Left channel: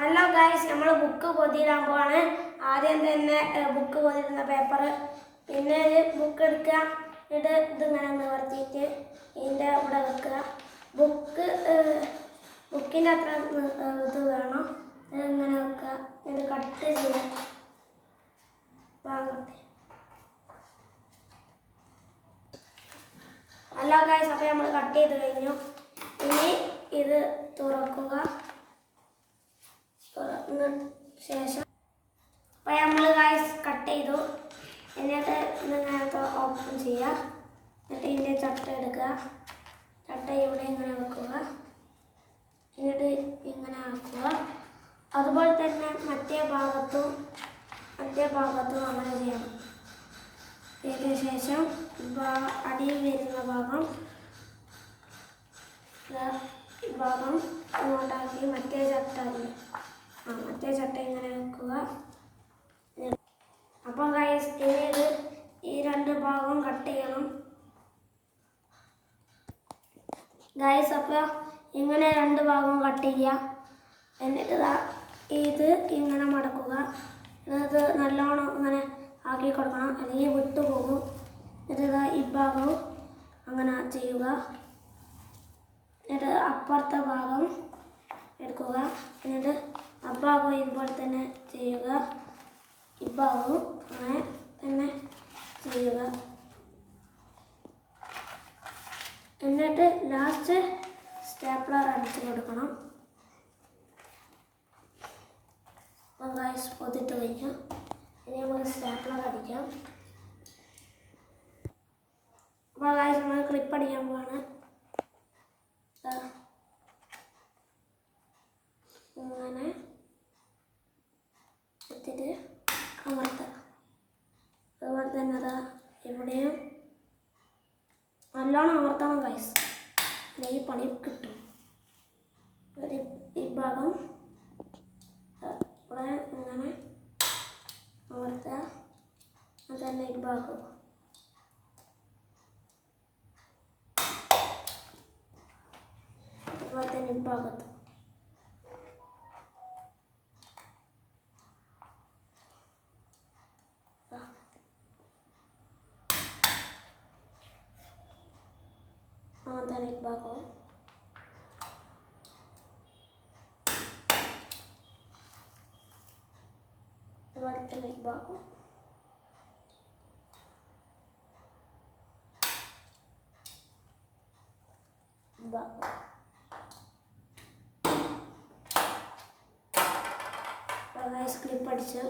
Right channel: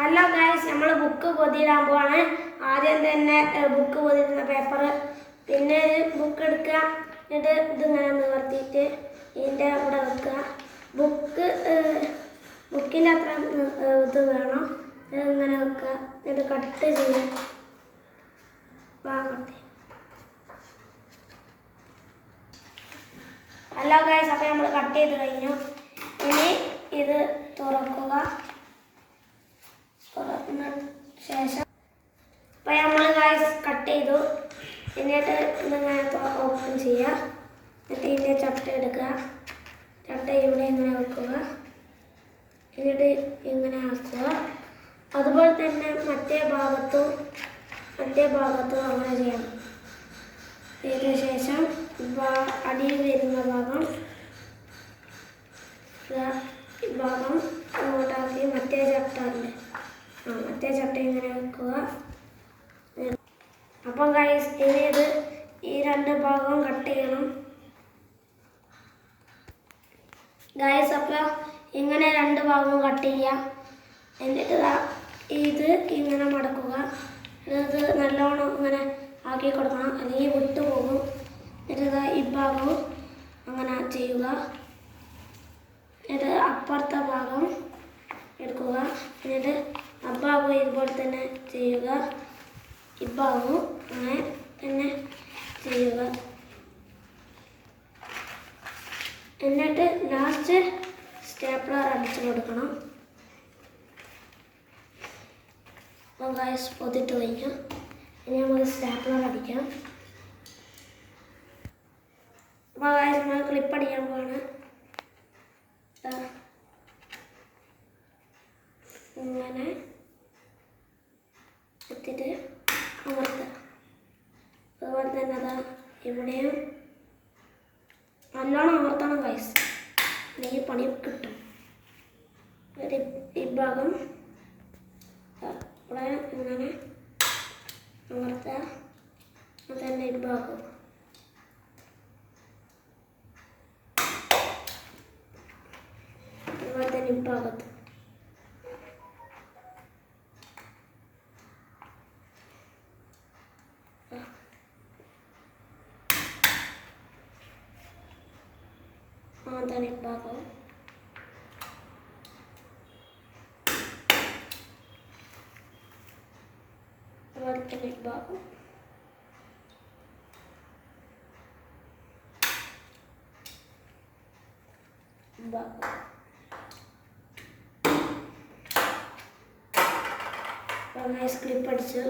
Hello guys, നമ്മൾ book പൊതിയിടാൻ പോവാണ്. ആദ്യം തന്നെ ബുക്ക് പൊതിരുന്ന പേപ്പർ, പിന്നെ ബുക്ക് എടുക്കുക, എന്നിട്ട് ഇതിങ്ങനെ നിവർത്തിയിട്ട് ഇതിൻ്റെ കൂടെ വെക്കുക. ബുക്കിൻ്റെ അത്ര ഇത് വേണം, ഇങ്ങനെ വെക്കുക. എന്നിട്ട് കട്ട് ചെയ്യുക. ഹലോ ഗൈസ്, അപ്പോൾ നമ്മൾ കട്ട് ചെയ്ത് കഴിഞ്ഞു. ഇനി ഇത് തുറക്കുക. തുറന്ന ശേഷം അപ്പോൾ നമ്മൾ ഗൈസ് കട്ട് ചെയ്തു. എന്നിട്ട് ഇതിങ്ങനെ ഓപ്പൺ ചെയ്യുക. എന്നിട്ട് ഇതിൻ്റെ ചട്ട എടുക്കുക. ചട്ട ഇവിടെ ഇങ്ങനെ വെക്കുക. എന്നിട്ട് ഇങ്ങനെ ആക്കുക. അതുപോലെ തന്നെ മറ്റേ ഭാഗത്തും അങ്ങനെ ചെയ്യാം. ഇതിന് ശേഷം അടിയിൽ വരുന്ന ഭാഗം ഇങ്ങോട്ടാക്കി മറ്റേ ചട്ട ഇങ്ങനെ വെക്കുക. അപ്പം ഗൈസ്, ഇനി ഈ രണ്ട് ഭാഗവും കട്ട് ചെയ്യണം ഗൈസ്. അപ്പോൾ ഇങ്ങനെ രണ്ട് ഭാഗവും കട്ട് ചെയ്യുക. എന്നിട്ട് ഇത് ഇങ്ങനെ മടക്കുക. ഇത് നല്ലോണം ഇങ്ങനെ ആക്കി കൊടുക്കണം, അല്ലെങ്കിൽ വിട്ടു പോകും. എന്നിട്ട് ഈ ഭാഗവും അങ്ങനെ ചെയ്യുക. എന്നിട്ട് അപ്പുറത്തെ ഭാഗം എടുക്കുക. എന്നിട്ട് അഭാഗവും ഇതുപോലെ തന്നെ ചെയ്യുക. ഇഭാഗവും അങ്ങനെ തന്നെ ചെയ്യുക. എന്നിട്ട് ലാസ്റ്റ് സ്റ്റേപ്ലർ അടിച്ചു കൊടുക്കണം. അപ്പോൾ ഗൈസ് പൊതിട്ട് കഴിഞ്ഞു. ഇനി നമുക്ക് സ്റ്റേപ്ലർ അടിക്കാം. അപ്പോൾ ഗൈസ്, നമ്മൾ ക്ലിപ്പ് അടിക്കാൻ പോവാണ്. ഇങ്ങനെ എടുത്തിട്ട് അമർത്തുക. അതുപോലെ തന്നെ അതാ ഇവിടെയും നല്ലോണം അമർത്തണം ഗൈസ്, അല്ലെങ്കിൽ പണി കിട്ടും. ഈ ഭാഗം ഇവിടെ ഇങ്ങനെ അമർത്തുക. അതന്നെ ഈ ഭാഗം അതുപോലെ തന്നെ ഈ ഭാഗത്ത് തന്നെ ഭാഗം അതുപോലെ തന്നെ ഭാഗം ക്ലിപ്പ് അടിച്ച്